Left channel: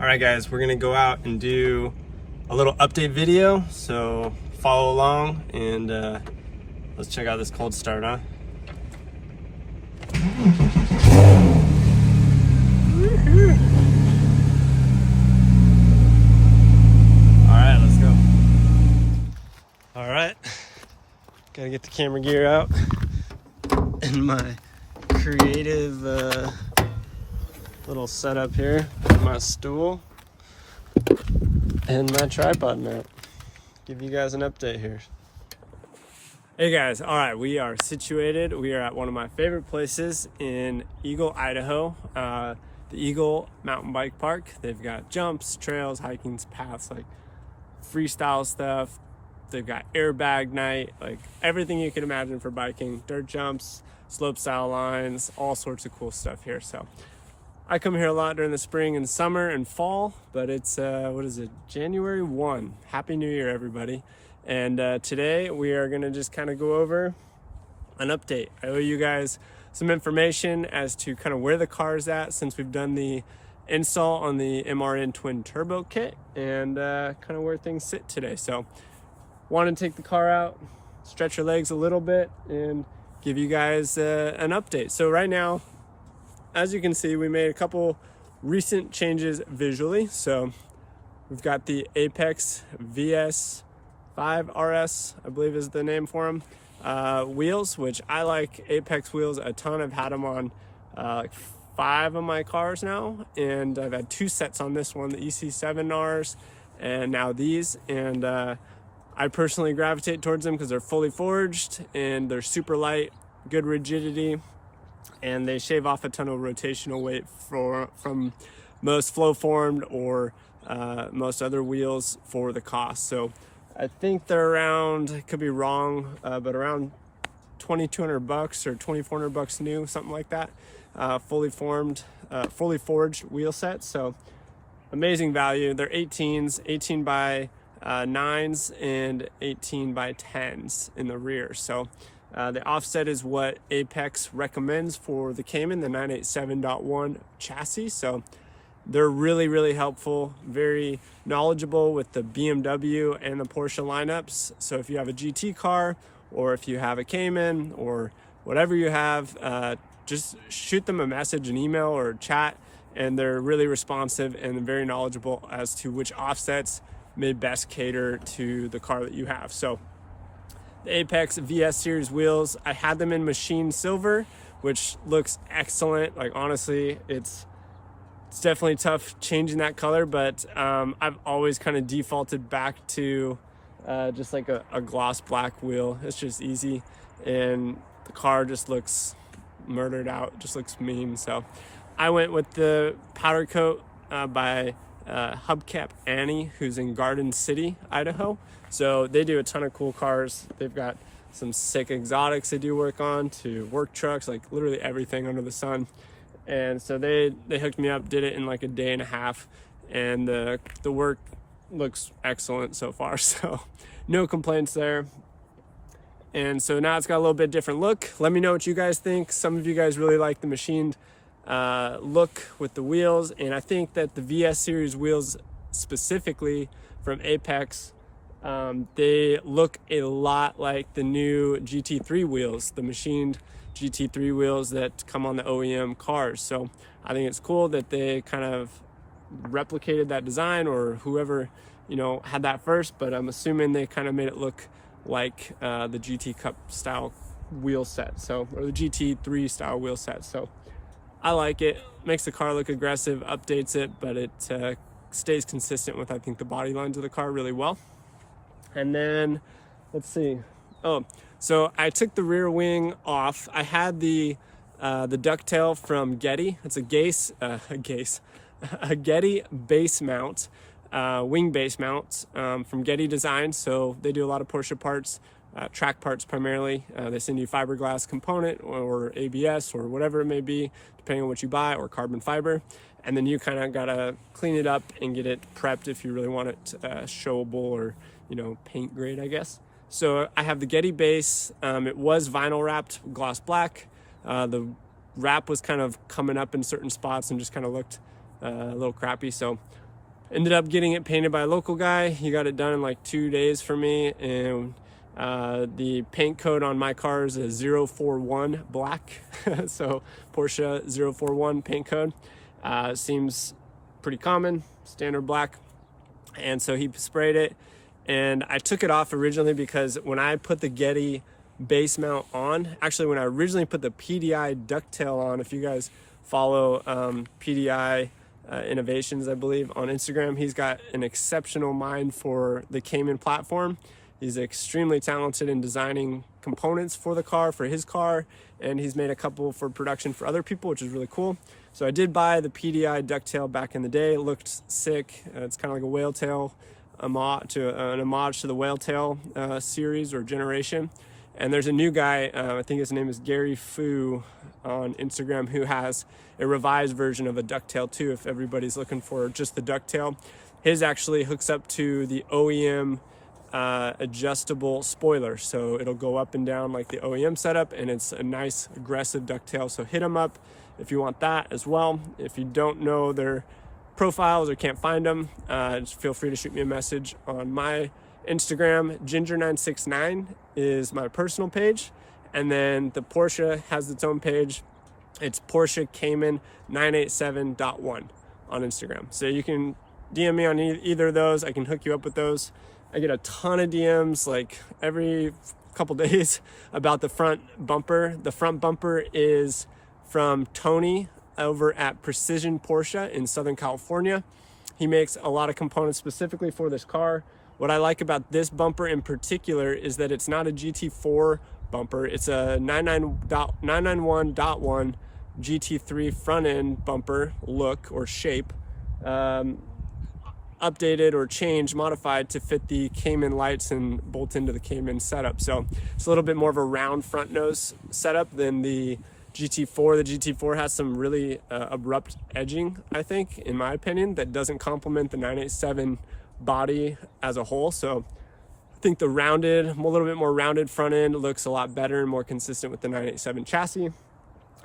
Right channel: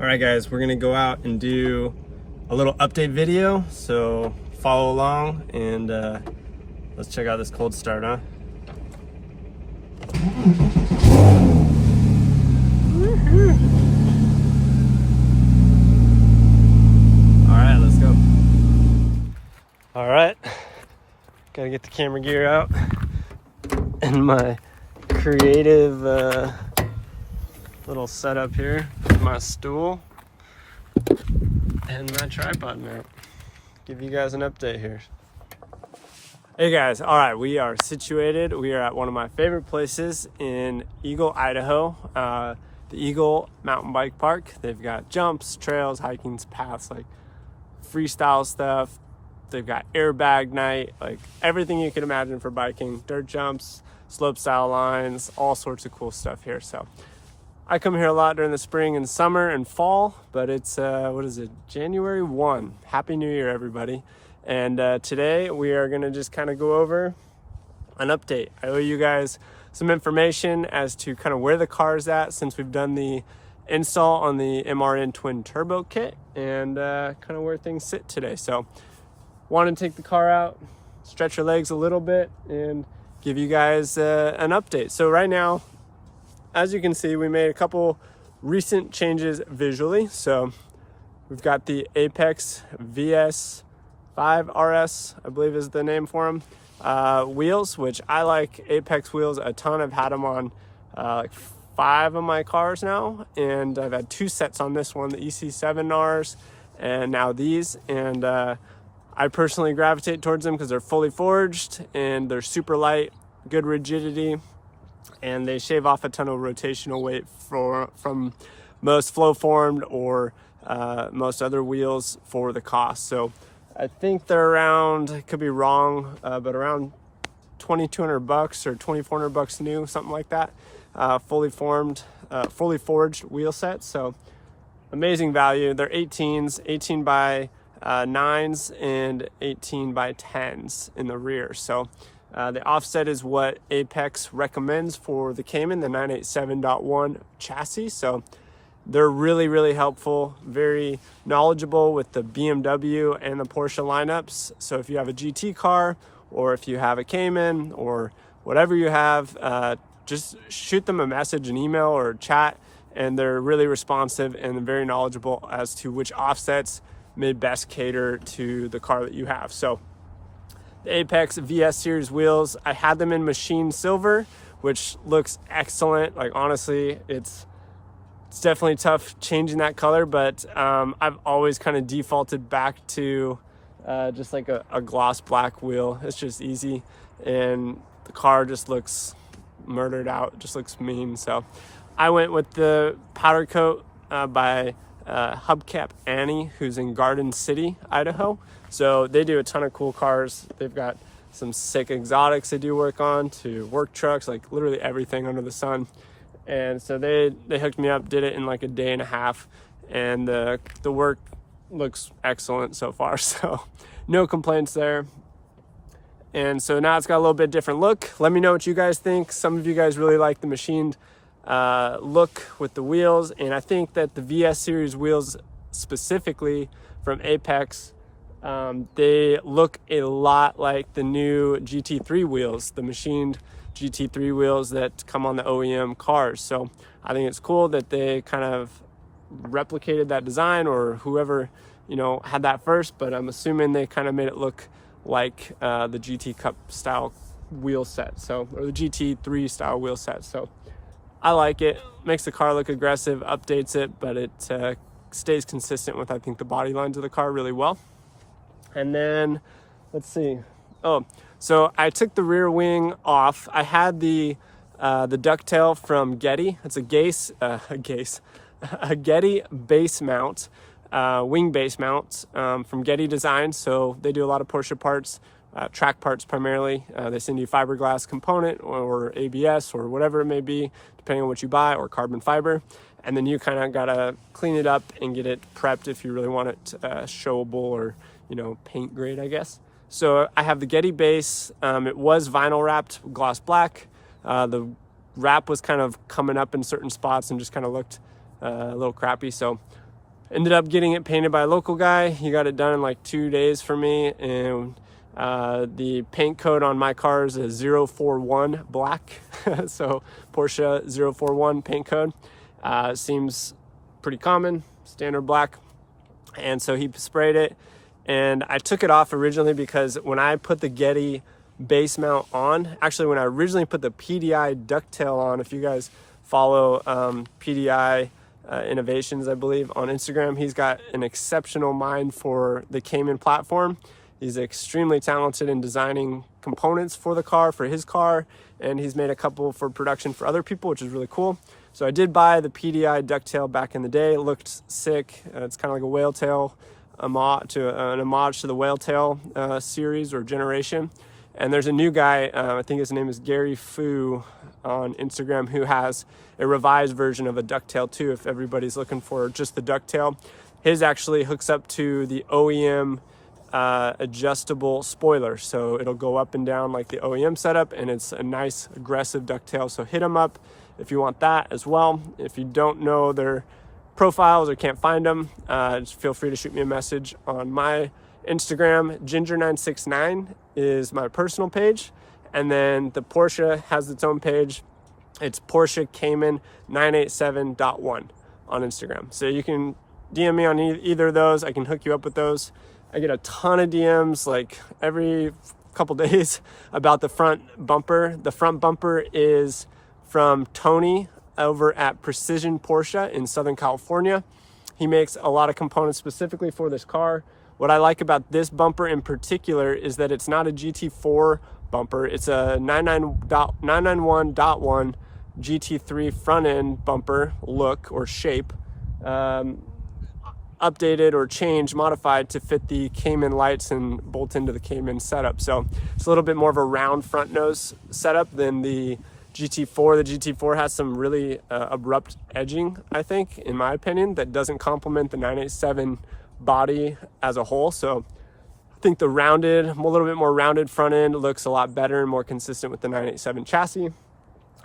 All right, guys, we're gonna go out and do a little update video, so follow along and let's check out this cold start, huh? All right, let's go. All right, gotta get the camera gear out and my creative little setup here, my stool and my tripod mount. Give you guys an update here. Hey guys, all right, we are situated. We are at one of my favorite places in Eagle, Idaho, the Eagle Mountain Bike Park. They've got jumps, trails, hiking paths, like freestyle stuff. They've got airbag night, like everything you can imagine for biking, dirt jumps, slope style lines, all sorts of cool stuff here. So I come here a lot during the spring and summer and fall, but it's, what is it, January 1. Happy New Year, everybody. And today we are gonna just kind of go over an update. I owe you guys some information as to kind of where the car's at since we've done the install on the MRN twin turbo kit and kind of where things sit today. So want to take the car out, stretch your legs a little bit and give you guys an update. So right now, as you can see, we made a couple recent changes visually. So we've got the Apex VS 5RS, I believe is the name for them, wheels, which I like Apex wheels a ton. I've had them on like 5 of my cars now, and I've had 2 sets on this one, the EC7Rs, and now these. And I personally gravitate towards them because they're fully forged and they're super light, good rigidity, and they shave off a ton of rotational weight from most flow formed or most other wheels for the cost. So I think they're around, could be wrong, but around $2,200 or $2,400 new, something like that. Fully forged wheel sets. So amazing value. They're 18s, 18 by 9s and 18 by 10s in the rear. So the offset is what Apex recommends for the Cayman, the 987.1 chassis. So they're really, really helpful, very knowledgeable with the BMW and the Porsche lineups. So if you have a GT car or if you have a Cayman or whatever you have, just shoot them a message, an email or chat, and they're really responsive and very knowledgeable as to which offsets may best cater to the car that you have. So the Apex VS series wheels, I had them in machine silver, which looks excellent. Like honestly, it's definitely tough changing that color, but I've always kind of defaulted back to just like a gloss black wheel. It's just easy, and the car just looks murdered out, just looks mean. So I went with the powder coat by Hubcap Annie, who's in Garden City, Idaho. So they do a ton of cool cars. They've got some sick exotics they do work on, to work trucks, like literally everything under the sun. And so they hooked me up, did it in like a day and a half, and the work looks excellent so far. So no complaints there. And so now it's got a little bit different look. Let me know what you guys think. Some of you guys really like the machined look with the wheels, and I think that the VS series wheels specifically from Apex, they look a lot like the new GT3 wheels, the machined GT3 wheels that come on the OEM cars. So I think it's cool that they kind of replicated that design, or whoever, you know, had that first, but I'm assuming they kind of made it look like the GT Cup style wheel set, so, or the GT3 style wheel set. So I like it, makes the car look aggressive, updates it, but it stays consistent with, I think, the body lines of the car really well. And then let's see, so I took the rear wing off. I had the ducktail from Getty. It's a Getty base mount, wing base mount from Getty Design. So they do a lot of Porsche parts, track parts primarily. They send you fiberglass component or ABS or whatever it may be, depending on what you buy, or carbon fiber. And then you kind of gotta clean it up and get it prepped if you really want it showable, or, you know, paint grade, I guess. So I have the Getty base. It was vinyl wrapped gloss black. The wrap was kind of coming up in certain spots and just kind of looked a little crappy. So Ended up getting it painted by a local guy. He got it done in like 2 days for me, and the paint code on my car is a 041 black. So Porsche 041 paint code. Seems pretty common, standard black. And so he sprayed it, and I took it off originally because when I put the Getty base mount on, actually when I originally put the PDI ducktail on, if you guys follow PDI Innovations, I believe, on Instagram, he's got an exceptional mind for the Cayman platform. He's extremely talented in designing components for the car, for his car, and he's made a couple for production for other people, which is really cool. So I did buy the PDI ducktail back in the day. It looked sick. It's kind of like a whale tail, an homage to the whale tail series or generation. And there's a new guy, I think his name is Gary Fu on Instagram, who has a revised version of a ducktail too, if everybody's looking for just the ducktail. His actually hooks up to the OEM adjustable spoiler, so it'll go up and down like the OEM setup, and it's a nice aggressive ducktail. So hit them up if you want that as well. If you don't know their profiles or can't find them, just feel free to shoot me a message on my Instagram. Ginger969 is my personal page, and then the Porsche has its own page. It's Porsche Cayman 987.1 on Instagram. So you can DM me on either of those. I can hook you up with those. I get a ton of DMs like every couple days about the front bumper. The front bumper is from Tony over at Precision Porsche in Southern California. He makes a lot of components specifically for this car. What I like about this bumper in particular is that it's not a GT4 bumper. It's a 991.1 GT3 front end bumper look or shape, updated or changed, modified to fit the Cayman lights and bolt into the Cayman setup. So it's a little bit more of a round front nose setup than the GT4. The GT4 has some really abrupt edging, I think, in my opinion, that doesn't complement the 987 body as a whole. So I think the rounded, a little bit more rounded front end looks a lot better and more consistent with the 987 chassis,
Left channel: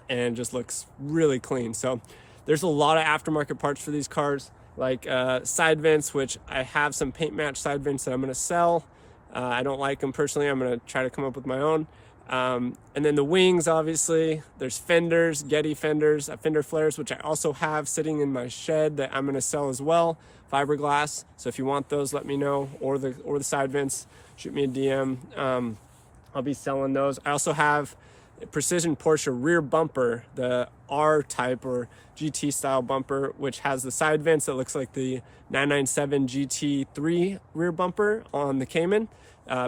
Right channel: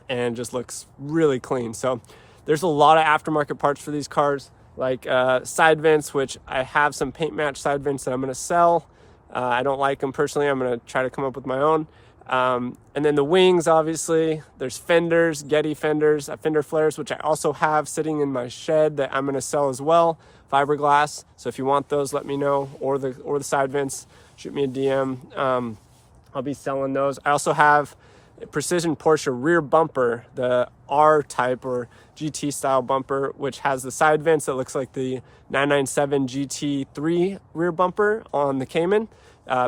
and just looks really clean. So there's a lot of aftermarket parts for these cars, like side vents, which I have some paint match side vents that I'm going to sell. I don't like them personally. I'm going to try to come up with my own. And then the wings, obviously, there's fenders, Getty fenders, fender flares, which I also have sitting in my shed that I'm going to sell as well, fiberglass. So if you want those, let me know, or the side vents, shoot me a DM. I'll be selling those. I also have a Precision Porsche rear bumper, the R type or GT style bumper, which has the side vents that looks like the 997 GT3 rear bumper on the Cayman,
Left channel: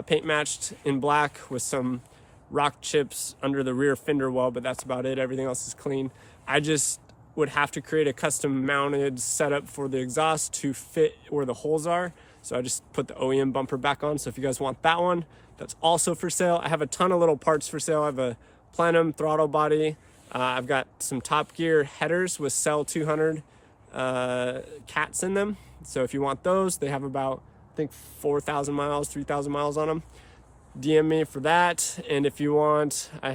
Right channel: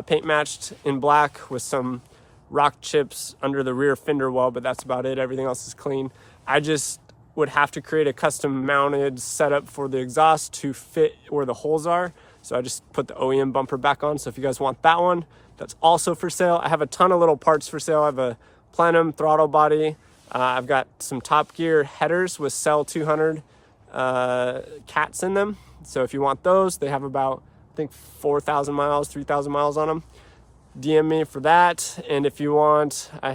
paint matched in black with some rock chips under the rear fender well, but that's about it. Everything else is clean. I just would have to create a custom mounted setup for the exhaust to fit where the holes are. So I just put the OEM bumper back on. So if you guys want that one, that's also for sale. I have a ton of little parts for sale. I have a plenum throttle body. I've got some Top Gear headers with Cell 200 cats in them. So if you want those, they have about, I think, 4,000 miles, 3,000 miles on them. DM me for that. And if you want, I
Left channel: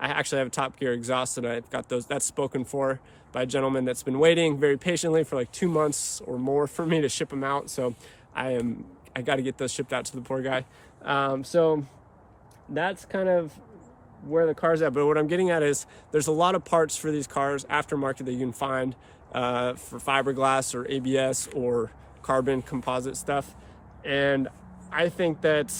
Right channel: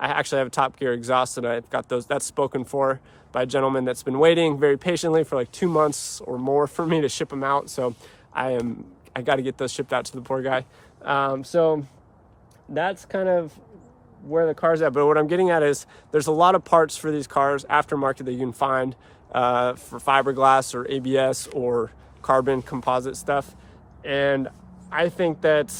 actually have a Top Gear exhaust, and I've got those. That's spoken for by a gentleman that's been waiting very patiently for like 2 months or more for me to ship them out. So I got to get those shipped out to the poor guy. So that's kind of where the car's at. But what I'm getting at is there's a lot of parts for these cars aftermarket that you can find for fiberglass or ABS or carbon composite stuff. And I think that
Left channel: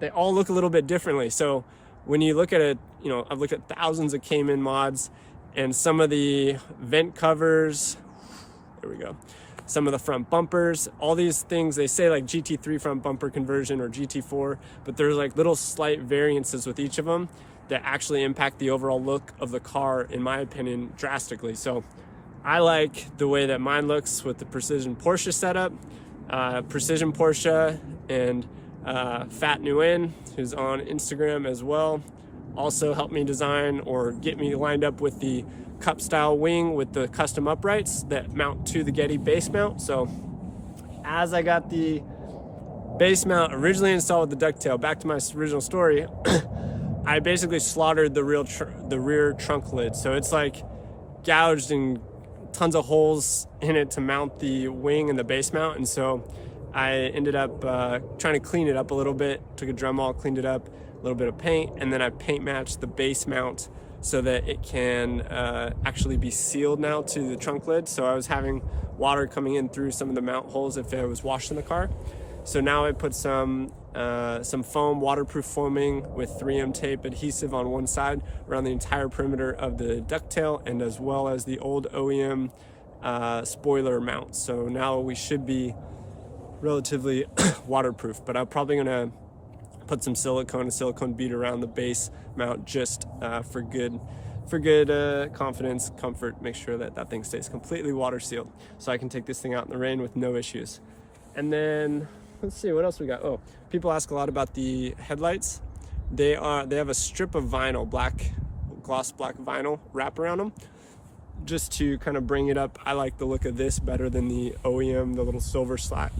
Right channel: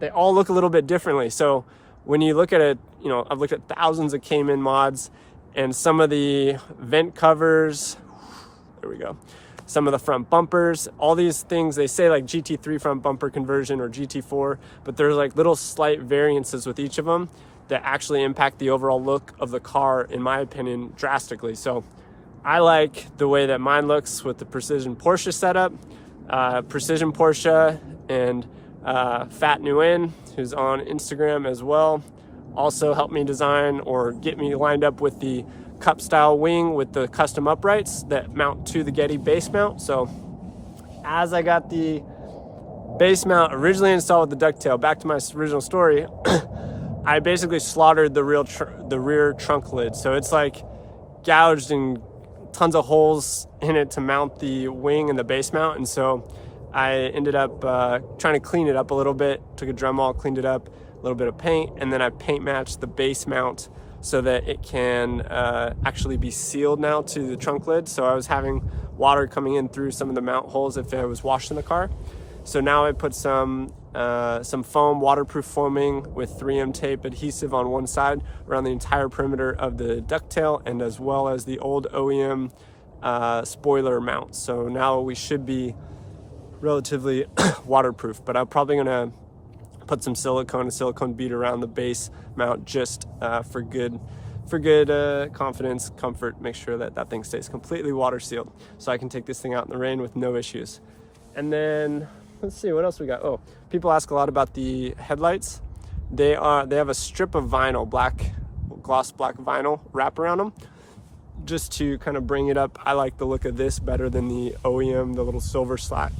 they all look a little bit differently. So when you look at it, you know, I've looked at thousands of Cayman mods, and some of the vent covers, there we go, some of the front bumpers, all these things, they say like GT3 front bumper conversion or GT4, but there's like little slight variances with each of them that actually impact the overall look of the car, in my opinion, drastically. So I like the way that mine looks with the Precision Porsche setup. Precision Porsche and Fat Nguyen, who's on Instagram as well, also helped me design or get me lined up with the cup style wing with the custom uprights that mount to the Getty base mount. So as I got the base mount originally installed with the ducktail, back to my original story, I basically slaughtered the rear trunk lid. So it's like gouged and tons of holes in it to mount the wing and the base mount, and so I ended up trying to clean it up a little bit. Took a Dremel, cleaned it up, a little bit of paint, and then I paint matched the base mount so that it can actually be sealed now to the trunk lid. So I was having water coming in through some of the mount holes if I was washing the car. So now I put some foam, waterproof foaming with 3M tape adhesive on one side around the entire perimeter of the ducktail, and as well as the old OEM spoiler mount. So now we should be relatively waterproof, but I'm probably gonna put some a silicone bead around the base mount just for good confidence, comfort, make sure that that thing stays completely water sealed so I can take this thing out in the rain with no issues. And then let's see what else we got. Oh, people ask a lot about the headlights. They have a strip of vinyl, gloss black vinyl wrap around them just to kind of bring it up. I like the look of this better than the OEM, the little silver slat,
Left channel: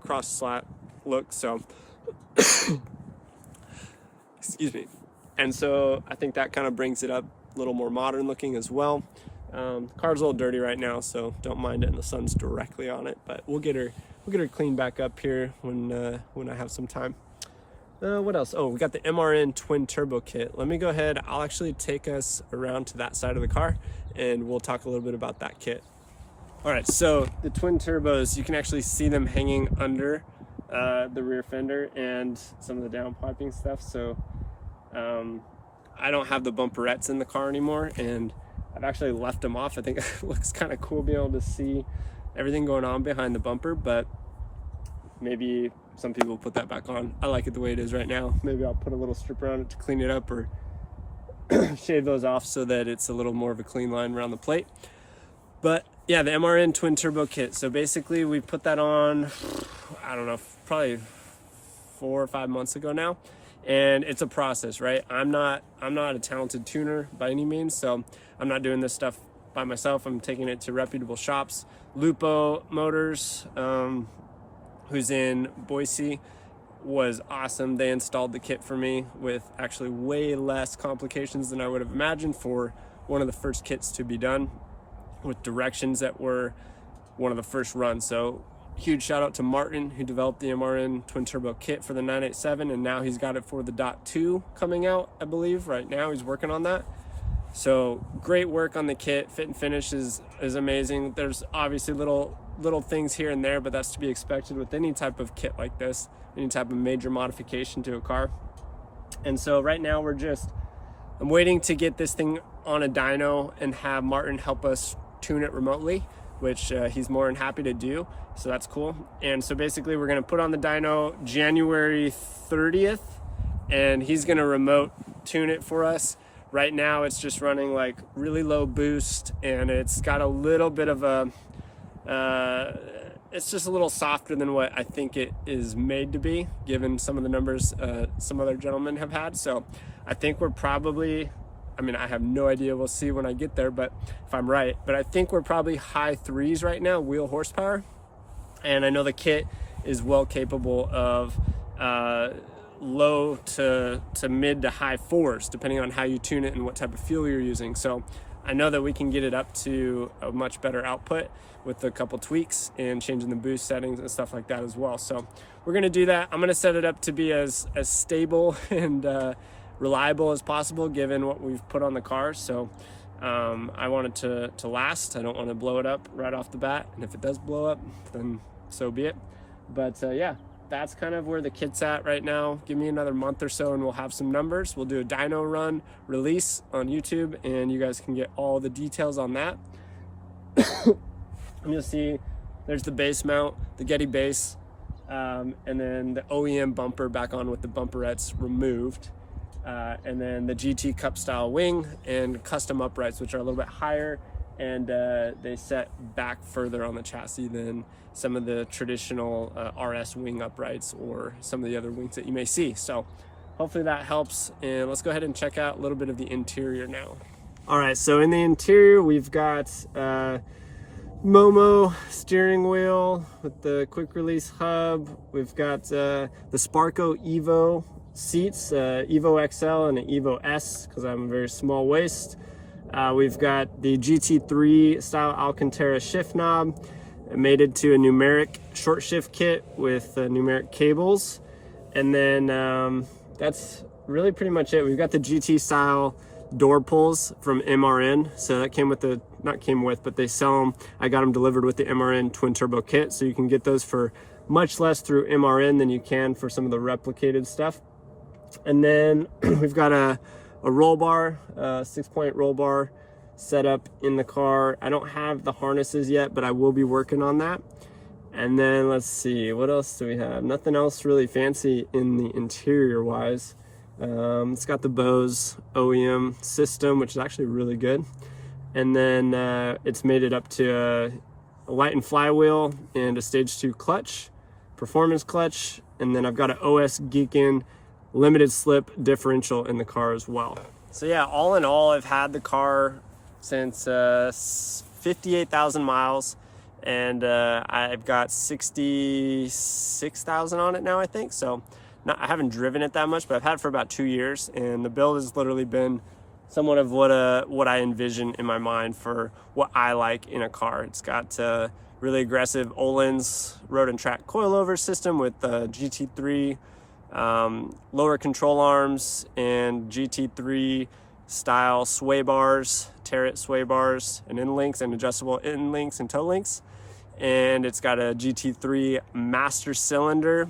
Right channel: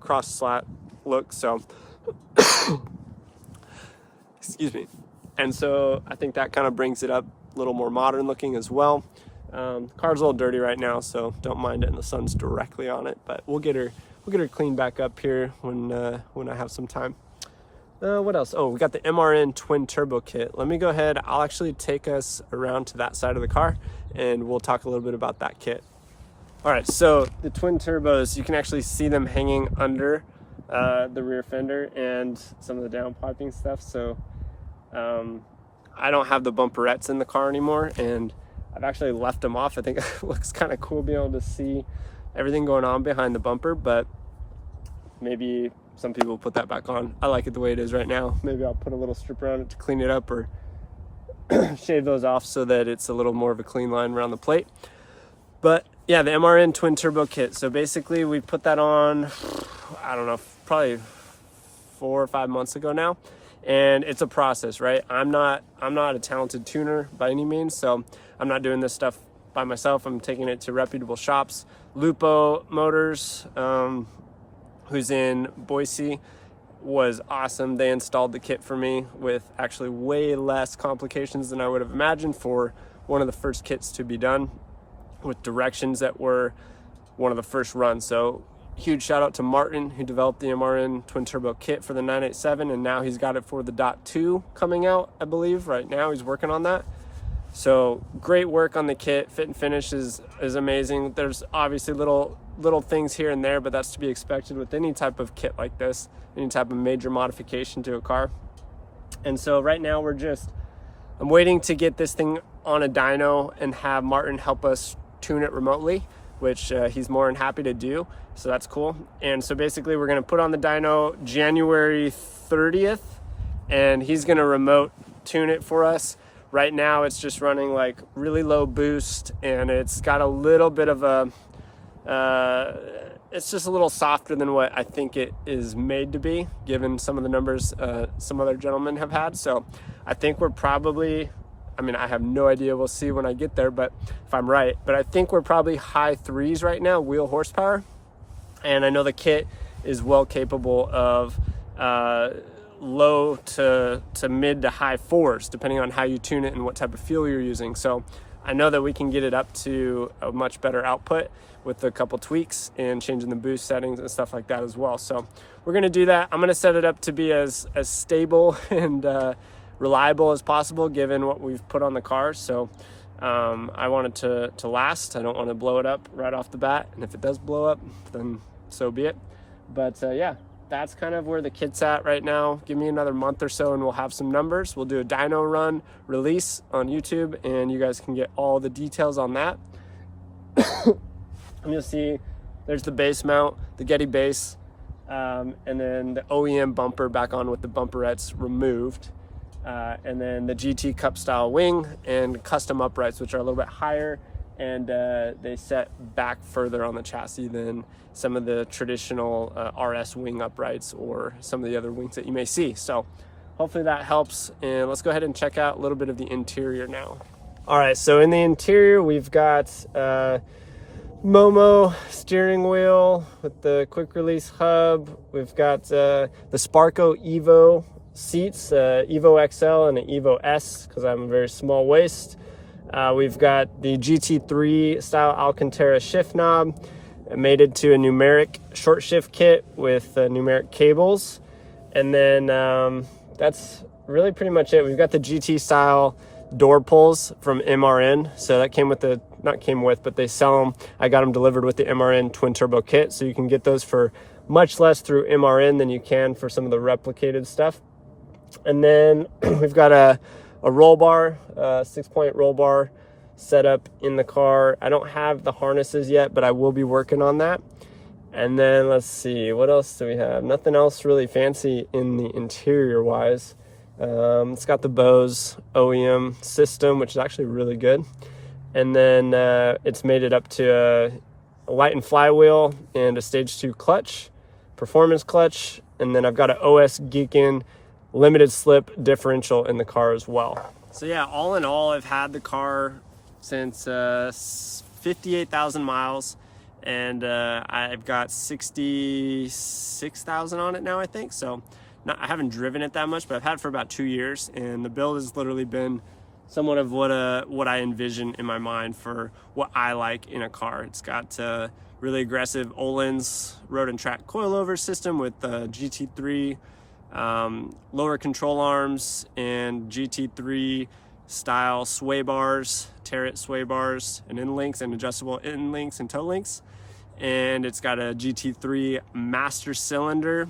cross slat look. So excuse me. And so I think that kind of brings it up a little more modern looking as well. The car's a little dirty right now, so don't mind it, and the sun's directly on it, but we'll get her cleaned back up here when I have some time. What else? Oh, we got the MRN twin turbo kit. Let me go ahead. I'll actually take us around to that side of the car and we'll talk a little bit about that kit. All right, so the twin turbos, you can actually see them hanging under the rear fender and some of the downpiping stuff. So I don't have the bumperettes in the car anymore, and I've actually left them off. I think it looks kind of cool being able to see everything going on behind the bumper, but maybe some people put that back on. I like it the way it is right now. Maybe I'll put a little strip around it to clean it up, or shave those off so that it's a little more of a clean line around the plate. But yeah, the MRN twin turbo kit. So basically we put that on, I don't know, probably 4 or 5 months ago now. And it's a process, right? I'm not a talented tuner by any means, so I'm not doing this stuff by myself. I'm taking it to reputable shops. Lupo Motors, who's in Boise, was awesome. They installed the kit for me with actually way less complications than I would have imagined for one of the first kits to be done, with directions that were one of the first runs. So huge shout out to Martin, who developed the MRN twin turbo kit for the 987, and now he's got it for the .2 coming out, I believe. Right now he's working on that. So great work on the kit. Fit and finish is amazing. There's obviously little things here and there, but that's to be expected with any type of kit like this, any type of major modification to a car. And so right now I'm waiting to get this thing on a dyno and have Martin help us tune it remotely, which he's more than happy to do. So that's cool. And so basically we're gonna put on the dyno January 30th, and he's gonna remote tune it for us. Right now it's just running like really low boost, and it's got a little bit of a, it's just a little softer than what I think it is made to be, given some of the numbers some other gentlemen have had. So I think we're probably, I mean, I have no idea, we'll see when I get there, but if I'm right, but I think we're probably high 3s right now, wheel horsepower. And I know the kit is well capable of low to mid to high 4s, depending on how you tune it and what type of fuel you're using. So I know that we can get it up to a much better output with a couple tweaks and changing the boost settings and stuff like that as well. So we're gonna do that. I'm gonna set it up to be as stable and reliable as possible, given what we've put on the car. So I want it to last. I don't want to blow it up right off the bat, and if it does blow up, then so be it. But yeah, that's kind of where the kit's at right now. Give me another month or so and we'll have some numbers. We'll do a dyno run release on YouTube, and you guys can get all the details on that. And you'll see there's the base mount, the Getty base, and then the OEM bumper back on with the bumperettes removed. And then the GT Cup style wing and custom uprights, which are a little bit higher, and they set back further on the chassis than some of the traditional RS wing uprights or some of the other wings that you may see. So hopefully that helps, and let's go ahead and check out a little bit of the interior now. All right, so in the interior we've got Momo steering wheel with the quick release hub. We've got the Sparco Evo seats, Evo XL and an Evo S, because I'm a very small waist. We've got the GT3 style Alcantara shift knob. I made it to a numeric short shift kit with numeric cables. And then that's really pretty much it. We've got the GT style door pulls from MRN. So that came with the, not came with, but they sell them. I got them delivered with the MRN twin turbo kit. So you can get those for much less through MRN than you can for some of the replicated stuff. And then we've got a roll bar, 6-point roll bar set up in the car. I don't have the harnesses yet, but I will be working on that. And then let's see, what else do we have? Nothing else really fancy in the interior wise. It's got the Bose OEM system, which is actually really good. And then it's made it up to a light and flywheel and a stage 2 clutch, performance clutch. And then I've got an OS Geekin limited slip differential in the car as well. So yeah, all in all, I've had the car since 58,000 miles, and I've got 66,000 on it now, I think. So I haven't driven it that much, but I've had it for about 2 years, and the build has literally been somewhat of what I envision in my mind for what I like in a car. It's got really aggressive Öhlins road and track coilover system with GT3 lower control arms and GT3 style sway bars, Tarot sway bars and end links and adjustable end links and toe links. And it's got a GT3 master cylinder,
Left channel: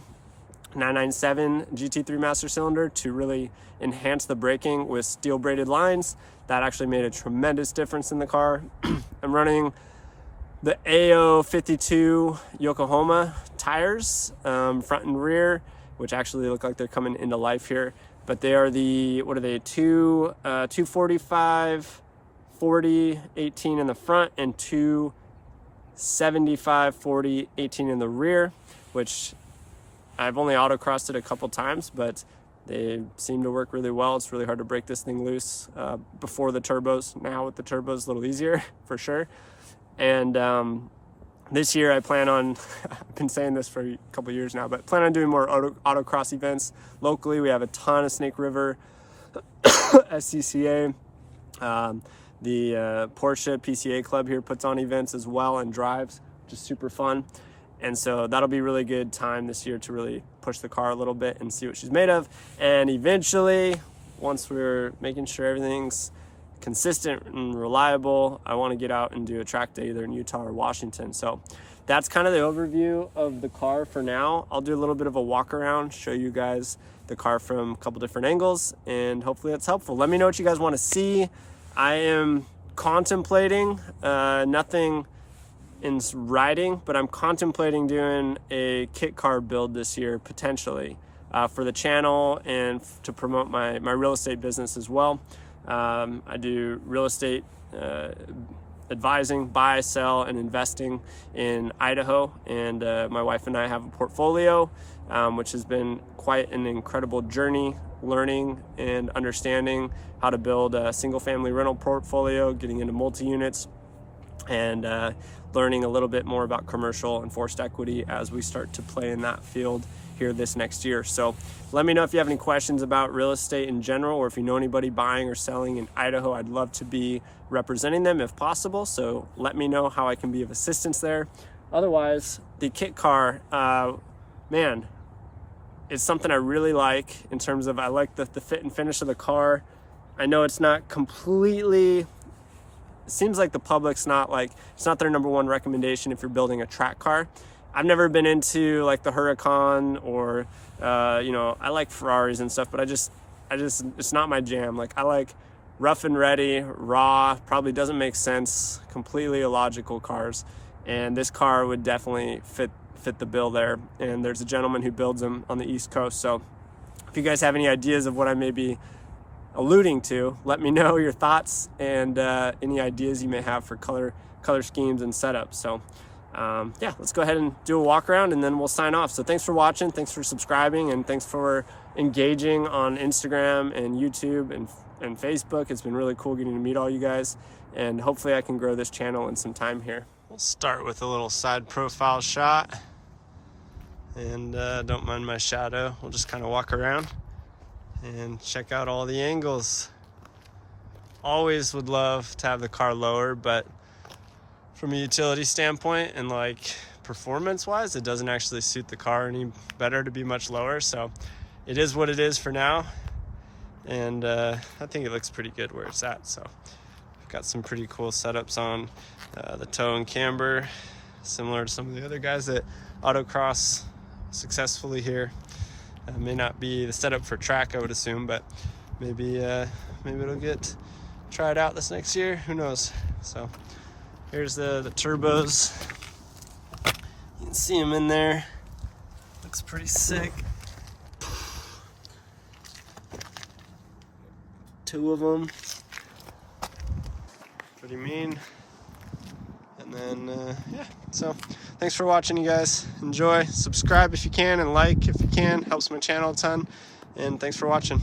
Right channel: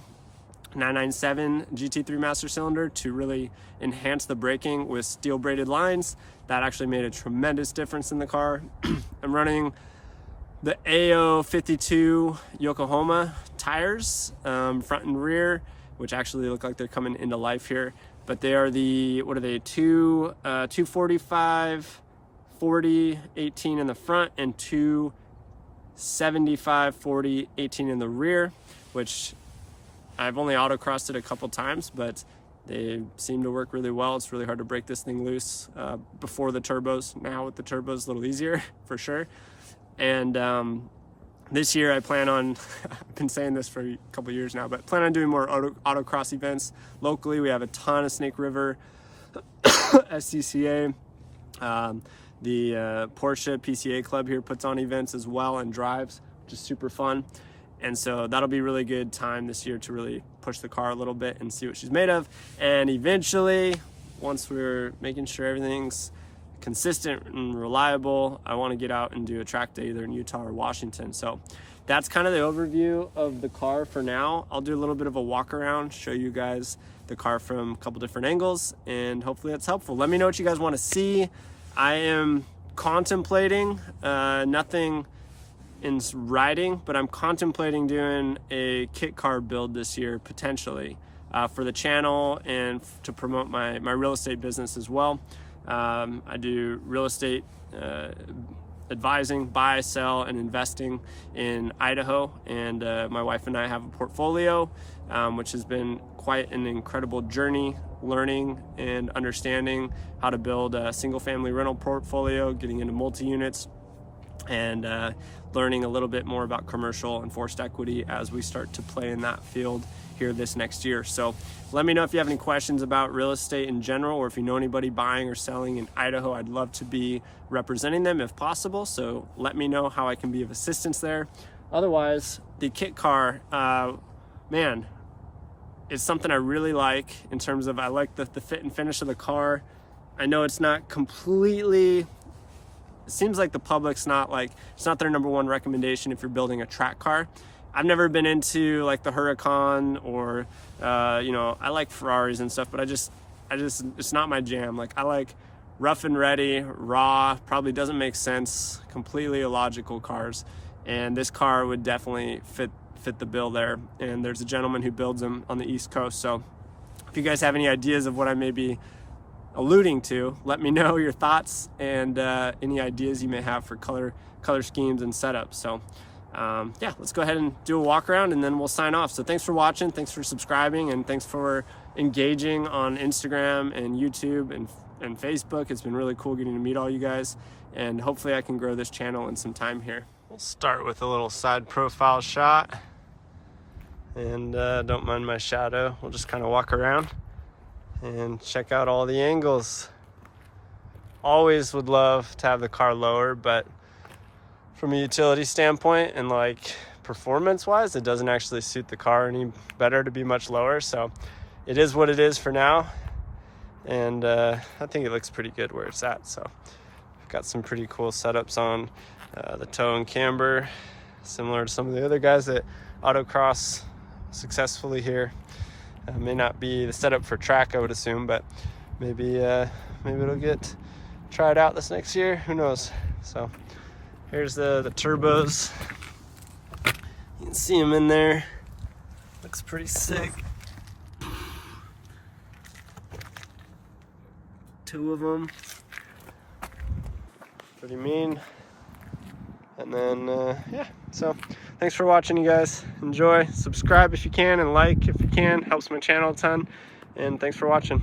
997 GT3 master cylinder to really enhance the braking with steel braided lines. That actually made a tremendous difference in the car. I'm running the AO52 Yokohama tires, front and rear, which actually look like they're coming into life here. But they are the, what are they, 245, 40, 18 in the front and 275, 40, 18 in the rear, which I've only autocrossed it a couple times, but they seem to work really well. It's really hard to break this thing loose before the turbos. Now with the turbos, a little easier for sure. And this year I plan on, I've been saying this for a couple years now, but plan on doing more autocross events locally. We have a ton of Snake River, SCCA, the Porsche PCA club here puts on events as well and drives, which is super fun. And so that'll be a really good time this year to really push the car a little bit and see what she's made of. And eventually, once we're making sure everything's consistent and reliable, I want to get out and do a track day either in Utah or Washington. So that's kind of the overview of the car for now. I'll do a little bit of a walk around, show you guys the car from a couple different angles, and hopefully that's helpful. Let me know what you guys want to see. I am contemplating, nothing in writing, but I'm contemplating doing a kit car build this year potentially for the channel and to promote my real estate business as well. I do real estate advising, buy, sell, and investing in Idaho, and my wife and I have a portfolio, which has been quite an incredible journey, learning and understanding how to build a single-family rental portfolio, getting into multi-units, and learning a little bit more about commercial and forced equity as we start to play in that field here this next year. So let me know if you have any questions about real estate in general, or if you know anybody buying or selling in Idaho. I'd love to be representing them if possible. So let me know how I can be of assistance there. Otherwise, the kit car, man, it's something I really like in terms of, I like the fit and finish of the car. I know it's not completely, it seems like the public's not like, it's not their number one recommendation if you're building a track car. I've never been into like the Huracan or, you know, I like Ferraris and stuff, but I just, it's not my jam. Like I like rough and ready, raw, probably doesn't make sense, completely illogical cars. And this car would definitely fit the bill there. And there's a gentleman who builds them on the East Coast. So if you guys have any ideas of what I may be alluding to, let me know your thoughts and any ideas you may have for color schemes and setups. So yeah, let's go ahead and do a walk around and then we'll sign off. So thanks for watching, thanks for subscribing, and thanks for engaging on Instagram and YouTube and Facebook. It's been really cool getting to meet all you guys, and hopefully I can grow this channel in some time here. We'll start with a little side profile shot, and don't mind my shadow. We'll just kind of walk around and check out all the angles. always would love to have the car lower, but from a utility standpoint and like performance wise, it doesn't actually suit the car any better to be much lower. So it is what it is for now. And I think it looks pretty good where it's at. So I've got some pretty cool setups on the toe and camber, similar to some of the other guys that autocross successfully here. May not be the setup for track, I would assume, but maybe it'll get tried out this next year. Who knows? So here's the turbos. You can see them in there. Looks pretty sick. 2 of them. Pretty mean. And then, yeah. So thanks for watching, you guys. Enjoy. Subscribe if you can, and like if you can. Helps my channel a ton. And thanks for watching.